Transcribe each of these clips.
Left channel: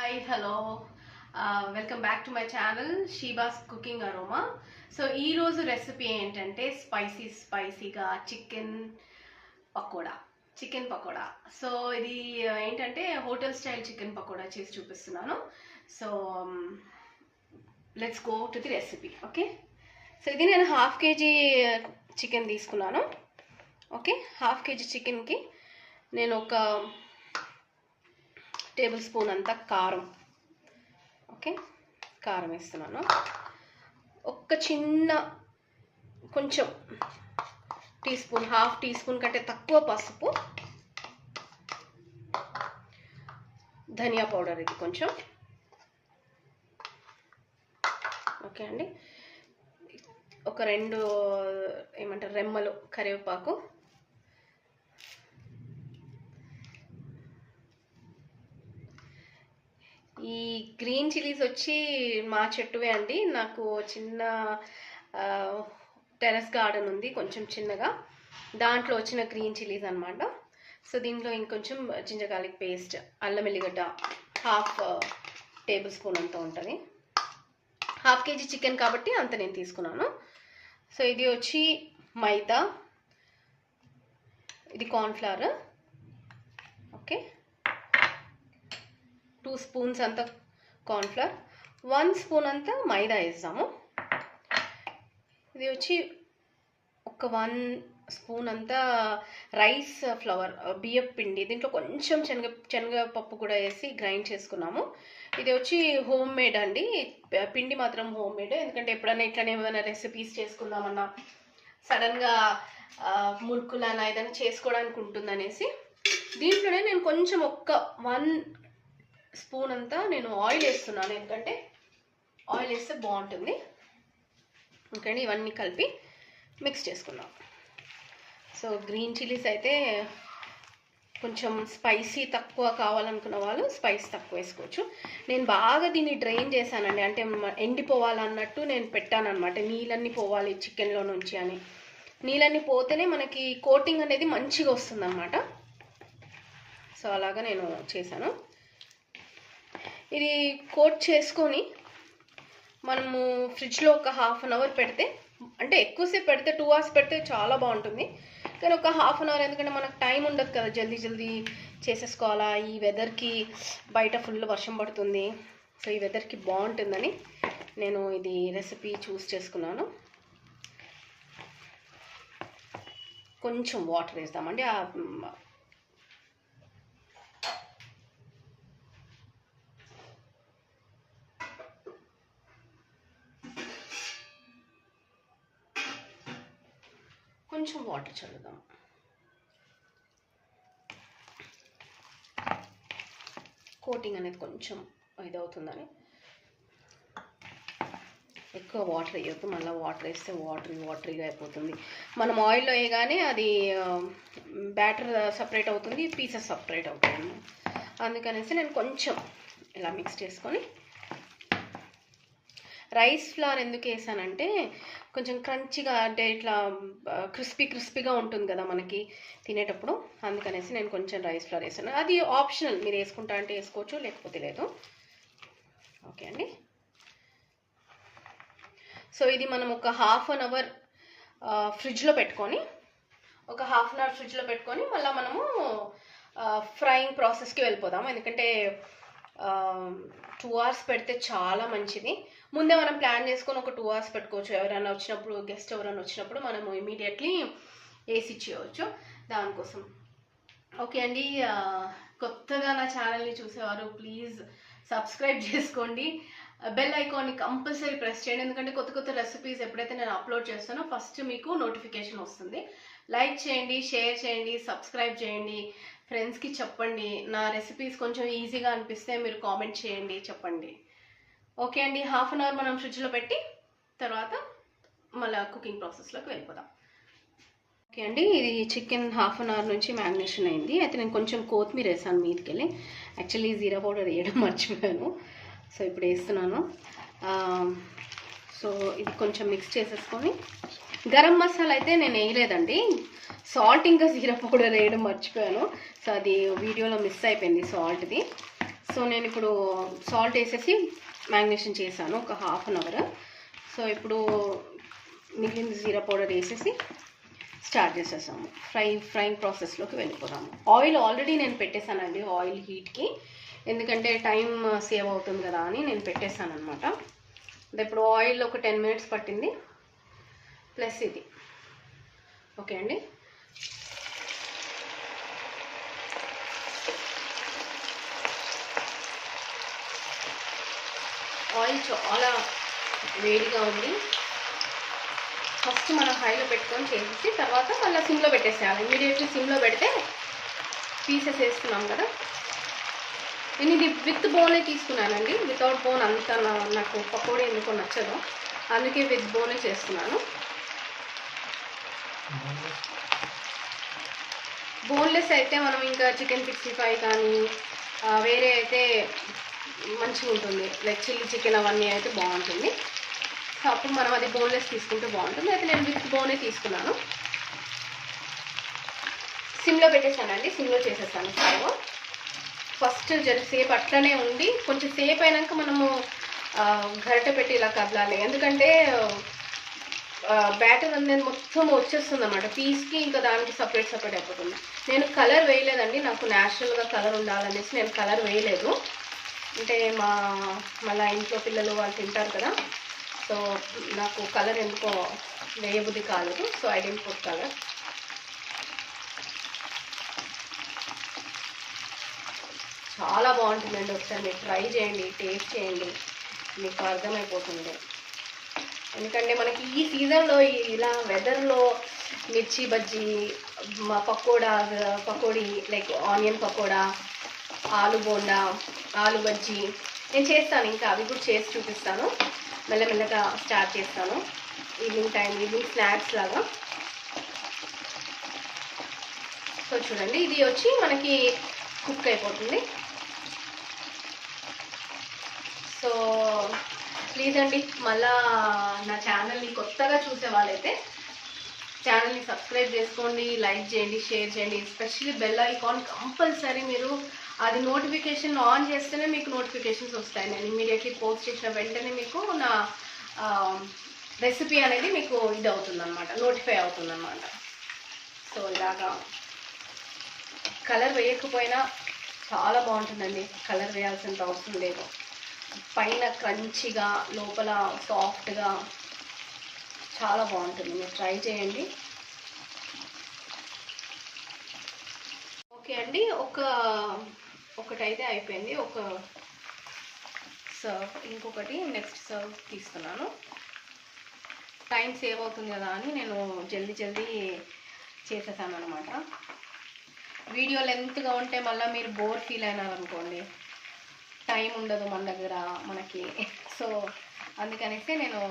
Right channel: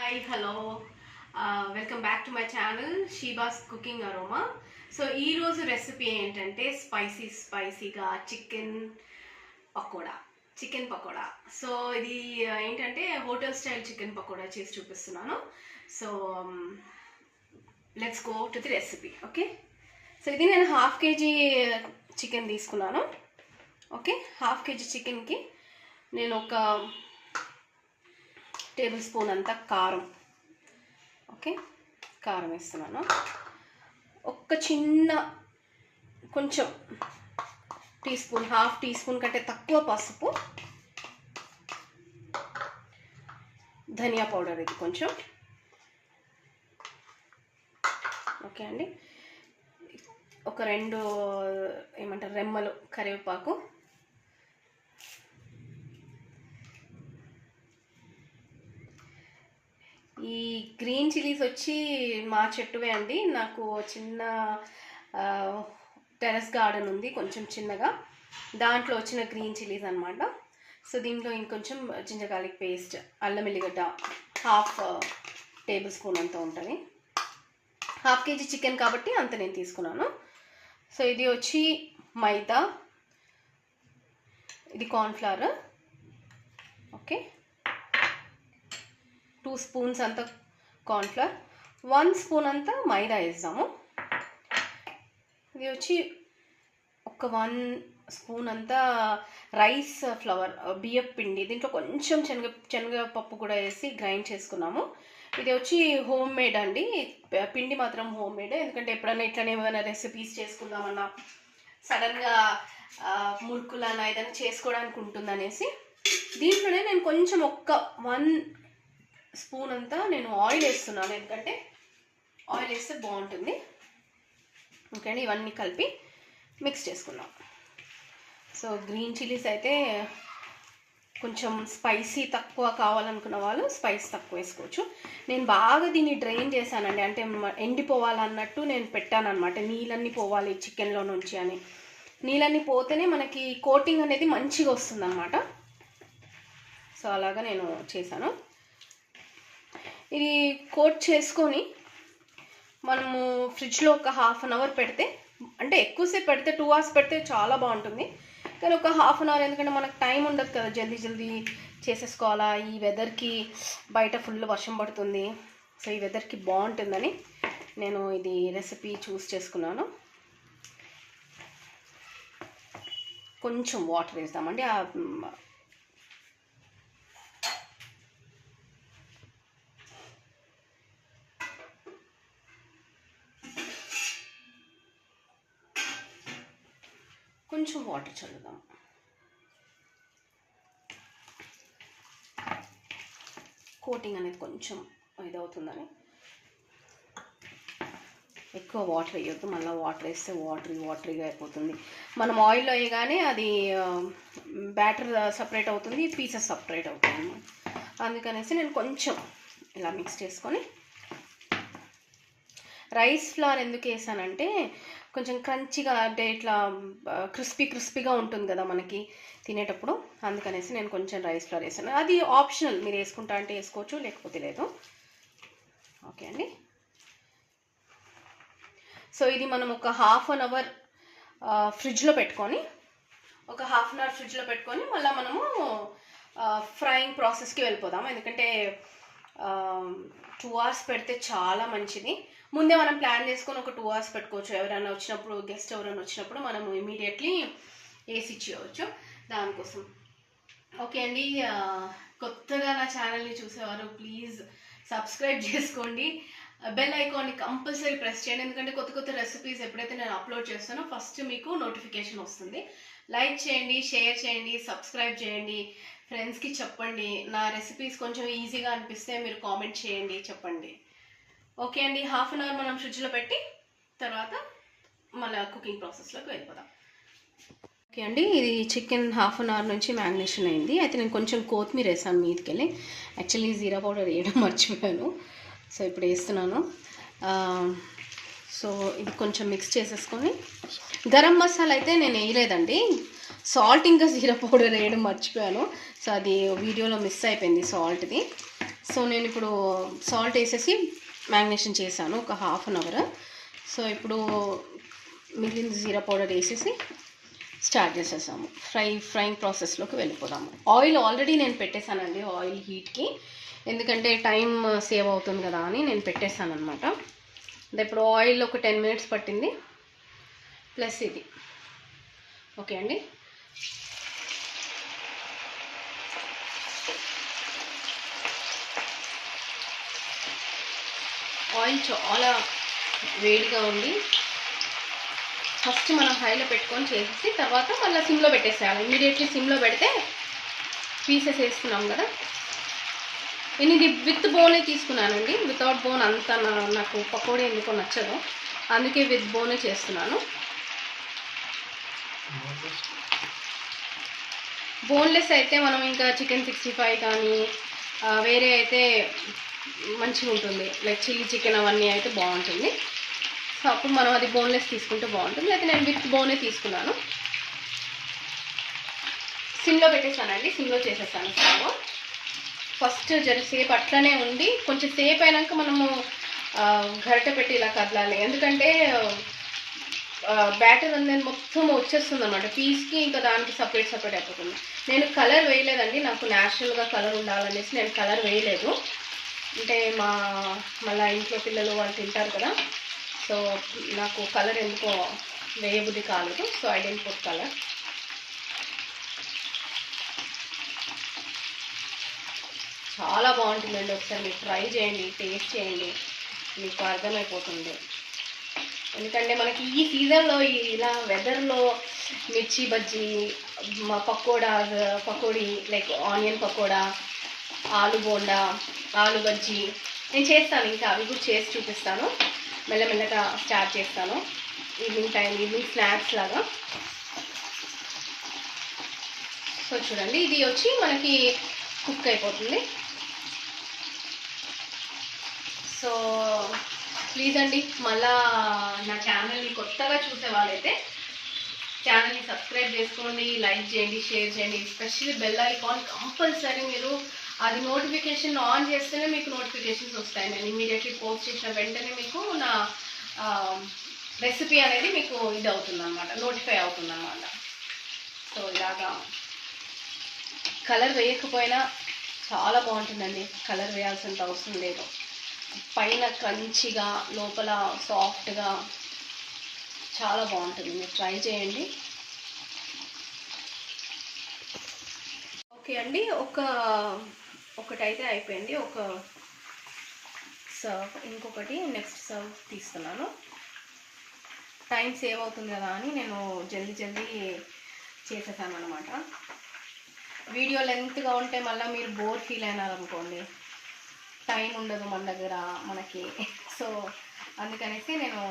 Hi, hello. Welcome back to my channel Shiva's Cooking Aroma. So ee roju recipe entante spicy ga chicken pakoda. So idi entante hotel style chicken pakoda chesi chupistunanu. So let's go to the recipe. Okay, so idi nenu half kg chicken తీసుకున్నాను. Okay, half KG చికెన్కి నేను ఒక table spoon అంతా కారం, okay, కారం వేస్తున్నాను. ఒక చిన్న కొంచెం teaspoon, half teaspoon కంటే తక్కువ పసుపు, ధనియా పౌడర్ ఇది కొంచెం, ఓకే అండి. ఒక రెండు ఏమంటారు రెమ్మలు కరివేపాకు, ఈ గ్రీన్ చిల్లీస్ వచ్చి మా చెట్టువే అండి. నాకు చిన్న టెర్రస్ గార్డెన్ ఉంది కొంచెం చిన్నగా, దాంట్లో వచ్చిన గ్రీన్ చిల్లీస్ అనమాట. సో దీంట్లో ఇంకొంచెం జింజర్ గార్లిక్ పేస్ట్, అల్లం వెల్లిగడ్డ హాఫ్ టేబుల్ స్పూన్ అంత ఉంటుంది. హాఫ్ కేజీ చికెన్ కాబట్టి అంత నేను తీసుకున్నాను. సో ఇది వచ్చి మైదా, ఇది కార్న్ఫ్లవర్, ఓకే, 2 స్పూన్స్ అంతా కార్న్ఫ్లవర్, 1 స్పూన్ అంతా మైదా వేస్తాము. ఇది వచ్చి ఒక 1 స్పూన్ అంతా రైస్ ఫ్లవర్, బియ్యపు పిండి, దీంట్లో కొంచెం శనగపప్పు కూడా వేసి గ్రైండ్ చేసుకున్నాము. ఇది వచ్చి హోమ్ మేడ్ అండి, పిండి మాత్రం హోమ్ మేడ్. ఎందుకంటే ఎప్పుడైనా ఇట్లనే ఏమైనా రెసిపీస్ చేసుకుందామన్నా, సడన్గా మురుకులన్నా ఏదైనా చేసుకోవడానికి ఉంటుందనేసి దీంట్లోనే నేను కొంచెం ఒక్క 1 స్పూన్ అంతా నేను ఆయిల్ వేస్తున్నాను, ఎందుకంటే ఆయిల్ వేస్తే బాగుంటుంది. ఓకే అండి, ఇవన్నీ కలిపి మిక్స్ చేసుకున్నాం. సో గ్రీన్ చిల్లీస్ అయితే కొంచెం స్పైసీ తక్కువ కావాలనుకున్న వాళ్ళు స్పైస్ తక్కువ వేసుకోవచ్చు. నేను బాగా దీన్ని డ్రైన్ చేశానండి, అంటే ఎండిపోవాలన్నట్టు నేను పెట్టాను అనమాట. నీళ్ళన్నీ పోవాలి చికెన్లో నుంచి అని, నీళ్ళన్నీ పోతేనే మనకి కోటింగ్ అనేది మంచిగా వస్తుంది అనమాట. సో అలాగా నేను చేశాను. ఇది కోట్ చేసుకొని మనము ఫ్రిడ్జ్లో ఒక హాఫ్ అన్ అవర్ పెడితే, అంటే ఎక్కువసేపు పెడితే 2 అవర్స్ పెడితే చాలా బాగుంటుంది, కానీ ఒక హాఫ్ అన్ అవర్, ఎందుకంటే మనకు టైం ఉండదు కదా, జల్దీ చేసేసుకోవాలా. ఈ వెదర్కి బయట ఫుల్ వర్షం పడుతుంది, సో ఈ వెదర్కి బాగుంటుందని నేను ఇది రెసిపీ చూస్ చేసుకున్నాను. కొంచెం వాటర్ వేద్దామండి. కొంచెం వాటర్ చల్లుదాం. కోటింగ్ అనేది కొంచెం ఇదవుతుందని. ఎక్కువ వాటర్ వేయొద్దు, మళ్ళీ వాటర్ వేస్తే వాటరీగా అయిపోతుంది. మనం ఆయిల్లో వేయగానే అది బ్యాటర్ సపరేట్ అవుతుంది, పీసెస్ సపరేట్ అవుతుంది. అందుకనేసి నేను కొంచెం ఇలా మిక్స్ చేసుకొని, రైస్ ఫ్లవర్ ఎందుకు వేసానంటే కొంచెం క్రంచిగా, అంటే ఇట్లా క్రిస్పీగా ఉంటుంది కదా మనకి తినేటప్పుడు, అందుకనేసి నేను కొంచెం రైస్ ఫ్లవర్ వేసాను. అది ఆప్షనల్, మీరు వేసుకుంటా అంటే వేసుకోవచ్చు, లేకపోతే లేదు. ఓకే అండి. సో ఇది మనం ఒక హాఫ్ అన్ అవర్ ఫ్రిడ్జ్లో పెట్టుకొని, మళ్ళీ మనము ఫ్రైయింగ్ ప్రాసెస్కి వెళ్ళిపోదాం. ఎందుకంటే 2 అవర్స్ పెడితే చాలా మంచిది. ముందే మనం ప్లాన్ చేసుకొని ఒక 2 అవర్స్ పెట్టుకోవచ్చు. ఎవరైనా వచ్చినప్పుడు, గెస్ట్ ఎవరైనా వచ్చినప్పుడు మనము ఇమీడియట్లీ వేసి ఇచ్చేయవచ్చు దానికోసం. ఓకే అండి, కొత్తగా నా ఛానల్ని చూసేవారు ప్లీజ్ సబ్స్క్రైబ్ చేసుకోండి, బెల్ ఐకాన్ని కంపల్సరీ ప్రెస్ చేయండి, ఎందుకంటే కొత్త రెసిపీస్ ఎప్పుడైతే నేను అప్లోడ్ చేస్తానో ఫస్ట్ మీకు నోటిఫికేషన్ వస్తుంది. లైక్ చేయండి, షేర్ చేయండి, సబ్స్క్రైబ్ చేయండి, ఫ్రెండ్స్కి చెప్పండి. నా రెసిపీస్ కొంచెం ఈజీగా అనిపిస్తే మీరు కామెంట్ చేయండి, చెప్పండి. ఓకే అండి, హాఫ్ అన్ అవర్ మనం ఫ్రిడ్జ్లో పెట్టి తర్వాత మళ్ళీ కుకింగ్ ప్రాసెస్లోకి వెళ్ళిపోదాం. ఓకే అండి, ఇది చికెన్ హాఫ్ అన్ అవర్ నుంచి మ్యారినేషన్ అయింది. అయితే నేను కొంచెం కొత్తిమీర వేసాను మీదకి వెళ్ళి, యాక్చువల్లీ జీరా పౌడర్ వేయడం మర్చిపోయాను. సో ఇప్పుడు వేస్తున్నాను. సో ఇది కొంచెం మిక్స్ చేసేసుకొని, గరం మసాలా అయితే నేను వేయలేదండి, సాల్ట్ ఇంకా జీరా పౌడర్ వేయడం మర్చిపోయాను. సో అది వీడియోలో మిస్ అయిపోయింది సాల్ట్ది. సో నేను ఇప్పుడు సాల్ట్ వేసేసి మ్యారినేషన్ చేశాను ఒక హాఫ్ అన్ అవర్. సో ఇప్పుడు మిగిలిన జీరా పౌడర్ వేసేసి స్టార్ట్ చేసేసాము. ఫ్రైయింగ్ ప్రాసెస్లోకి వెళ్ళిపోదాము. ఆయిల్ ఆల్రెడీ నేను పెట్టేశానండి ఆయిల్ హీట్కి, ఎందుకంటే టైం సేవ్ అవుతుంది కదా అని నేను పెట్టేశాను అనమాట. ఇప్పుడు ఆయిల్ ఒక 10 minutes పట్టింది ప్లస్ ఇది. ఓకే అండి, ఆయిల్ చాలా వేడిగా ఉంది. ఫస్ట్ మనం హైలో పెట్టుకొని చేసి తర్వాత మళ్ళీ సిమ్లో పెట్టేసేయాలి. ఇమీడియట్లీ సిమ్లో పెడితే పీసెస్ వేస్తున్నాం కదా. నేను ఇది విత్ బోనే తీసుకున్నానండి, వితౌట్ బోన్ అంత నాకు పకోడీ ఎందుకో నచ్చదు, అందుకే విత్ బోనే చేస్తున్నాను. బోన్లెస్ అయితే మనం ఇంకా చికెన్ 65 కానీ వేరే అయితే మంచిగా ఉంటుంది, లైక్ చిల్లీ చికెన్ అవన్నీ అయితే బాగుంటుంది. సో అప్పుడు మనం అది బోన్లెస్ తీసుకుంటే బాగుంటుంది. అయితే నేను విత్ బోనే తీసుకున్నాను. సిమ్లో పెట్టేసానండి, సిమ్లో చేసేసాను స్టవ్. ఫస్ట్ జరసేపు అట్లనే ఉండి కొంచెం సేపు అయినాక మనము గరిటె పెట్టి ఇలా కదలాలి, ఎందుకంటే బ్యాటర్ అనేది మొత్తం వచ్చేస్తుంది అన్నమాట పీస్కి, ఇంకా దానికి సపరేట్ అయిపోతుంది. నేను కలర్ వేయలేదండి, నాకు న్యాచురల్గా కలర్ ఉండాలనేసి నేను కలర్ వేయలేదు. అంటే మళ్ళీ ఇంట్లో పిల్లలు వాళ్ళు తింటారు కదా, సో నాకు కలర్ ఎందుకో వేయబుద్ధి కాలేదు. So I didn't put colour. చాలా బాగుంటుందండి, ఒకసారి మీరు ట్రై చేయండి, టేస్ట్ చేయండి, మీకు అర్థమైపోతుంది. ఎందుకంటే మనకి ఈ సీజన్లో ఇలా వెదర్లో మిర్చి బజ్జీ, పకోడీ లైక్ ఆనియన్ పకోడా, ఆలు బోండా, ఆలు బజ్జీ నేను చేస్తాను. ఇంకా అవి కూడా చేసి చూపిస్తాను, మెల్లమెల్లగా స్టార్ట్ చేస్తాను. ఈవినింగ్ స్నాక్స్ లాగా. సో చూడండి, ఇది వచ్చి మనకి కుక్ అయిపోతుంది. సో ప్లీజ్ అండి, మళ్ళా నా ఛానల్ని కొత్తగా చూసే వాళ్ళైతే ఛానల్ని సబ్స్క్రైబ్ చేసుకోండి, లైక్ చేయండి, షేర్ చేయండి. ఎస్పెషల్లీ బెల్ ఐకాన్ కంపల్సరీ మీరు అది నోటిఫికేషన్ ఆన్ చేస్తేనే మీకు నోటిఫికేషన్స్ వస్తాయి. నేను ఇమీడియట్లీ పోస్ట్ చేసిన వెంటనే మీకు నా రెసిపీ అనేది మీకు ఇది అవుతుంది అనమాట, నోటిఫై అవుతుంది అనమాట. సో ఇలాగా కలర్ వేయకపోయినా చాలా బాగుంటుందండి, కలర్ వేయాల్సినంత అవసరం లేదు. పైన క్రంచిగా లోపల సాఫ్ట్గా చాలా బాగుంటుంది, మీరు ట్రై చేయండి. ఓకే అండి, ఒకటైతే అయిపోయింది, ఒక సర్వ్. ఇంకొకటి నెక్స్ట్ సర్వ్ తీస్తున్నాను. టైం సేవ్ అవుతుంది కదా అని నేను జల్దీ చేసేసాను అనమాట. వీడియో లెంత్గా ఉంటే మళ్ళీ మీరు బోర్ ఫీల్ అయినారనుకోండి, టైం ఉండదు మన దగ్గర మనకి. సో అందుకనేసి నేను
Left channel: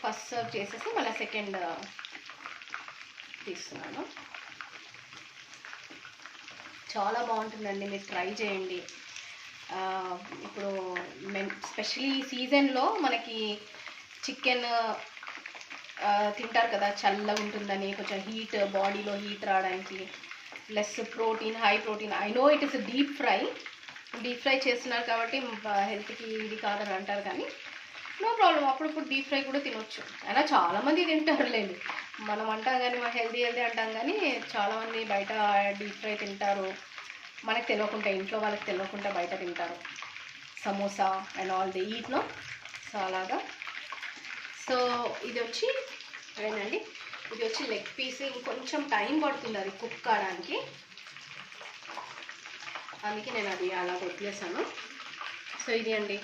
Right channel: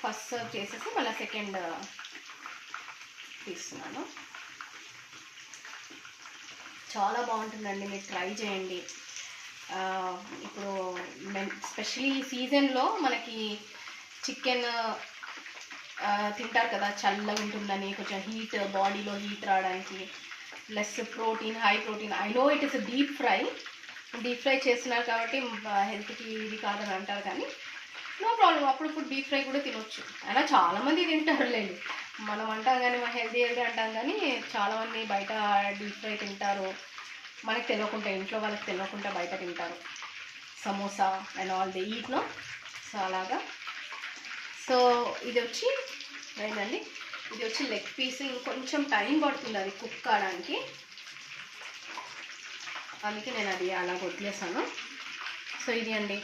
ఫస్ట్ సర్వ్ చేసేసి మళ్ళీ సెకండ్ తీస్తున్నాను. చాలా బాగుంటుందండి, మీరు ట్రై చేయండి. ఇప్పుడు స్పెషల్లీ ఈ సీజన్లో మనకి చికెన్ తింటారు కదా, చల్లగా ఉంటుందని, కొంచెం హీట్ బాడీలో హీట్ రావడానికి, plus protein, high protein. I know it is deep fry చేస్తున్నారు కాబట్టి హెల్త్కి ఇది కాదని అంటారు, కానీ నో ప్రాబ్లం, అప్పుడప్పుడు డీప్ ఫ్రై కూడా తినొచ్చు. అయినా చాలామంది తింటారులేండి, మనం అంటాం కానీ మా హెల్తీ అంటాం కానీ చాలామంది బయట డీప్ ఫ్రై తింటారు, మనకు తెలియకుండా, ఇంట్లో వాళ్ళకి తెలియకుండా బయట తింటారు. Samosa and all they eat no. So అలాగా. సో ఇది వచ్చి ఏంటండి, ఇది వచ్చి లెగ్ పీస్. ఇంకొంచెం టైం పడుతుంది అది కుక్ కావడానికి, అందుకే నేను అది అలా వదిలేసాను. సో ఇది అండి,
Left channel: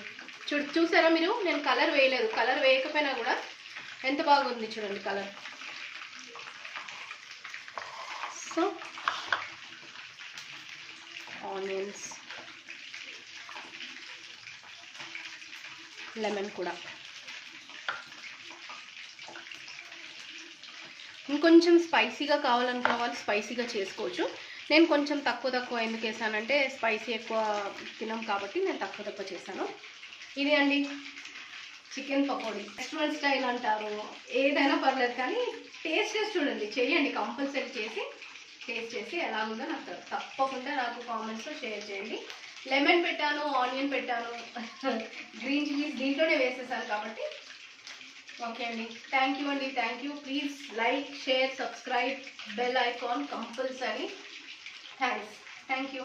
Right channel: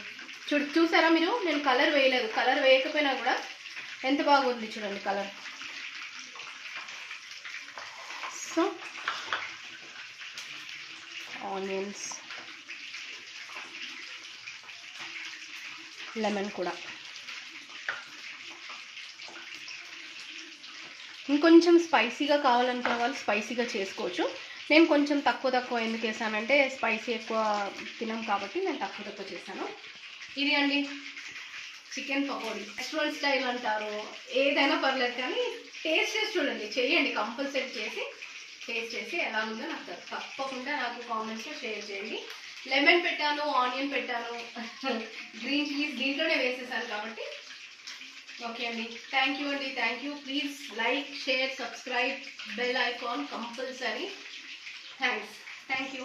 చూసారా మీరు, నేను కలర్ వేయలేదు. కలర్ వేయకపోయినా కూడా ఎంత బాగుంది చూడండి కలర్. సో ఆనియన్స్, లెమన్ కూడా. ఇంకొంచెం స్పైసీగా కావాలనుకున్న వాళ్ళు స్పైసీగా చేసుకోవచ్చు. నేను కొంచెం తక్కువ ఎందుకు వేసానంటే స్పైసీ ఎక్కువ తినం కాబట్టి నేను తక్కువ చేశాను. ఇది అండి చికెన్ పకోడీ. రెస్టారెంట్ స్టైల్ అంటారు, ఏదైనా పర్లేదు, కానీ టేస్ట్ చేసి చూడండి, చేయండి, కంపల్సరీ చేసి టేస్ట్ చేసి ఎలా ఉందో నాకు తప్పకుండా నాకు కామెంట్స్లో షేర్ చేయండి. లెమన్ పెట్టాను, ఆనియన్ పెట్టాను, గ్రీన్ చిల్లీస్ దీంట్లోనే వేసేసాను కాబట్టి. ఓకే అండి, థ్యాంక్ యూ అండి, thank you. Please like, share, subscribe, bell icon compulsory. Thanks, thank you.